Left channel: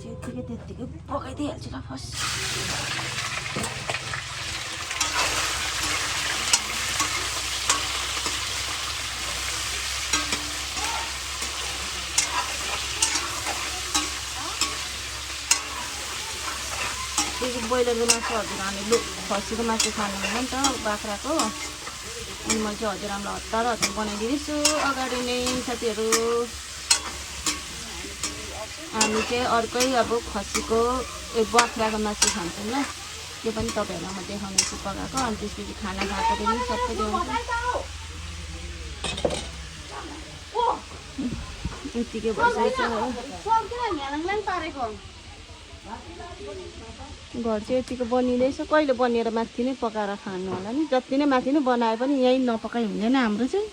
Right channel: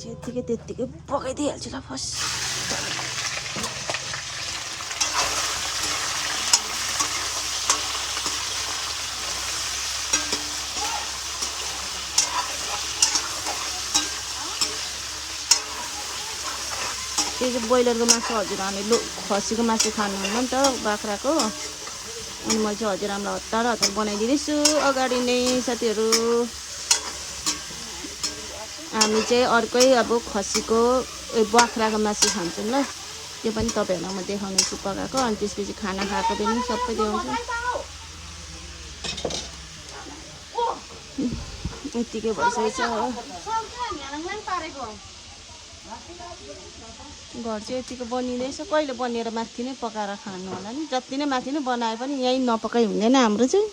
चाहिँ त्यत्तिकै पकाइदिइहाल्छु ल फर्स्ट। यो ब्रोइलरको मासु हजुरआमाले खसीको मासु खानुहुन्न नि त बाख्राको, अनि म चाहिँ हजुरआमा हतार बनाइदिँदैछु अगाडि नै साथीहरू। हामी चाहिँ अर्कै अब खसीको बाख्राको मासु खान्छौँ ल, त्यो पनि तपाईँहरूलाई म देखाउनेछु पकाएको। अनि त्यसपछि खाना खाएको पनि सबै देखाउँछु। यतिको भइसकेको छ। घर चाहिँ यतिको बनिँदैछ, कहिले बनिएर माथि नै पकाएर खानु होला नि। जति नै माथि नै बनाए पनि यहीँ नपकाइ हुँदैन हाम्रो चाहिँ।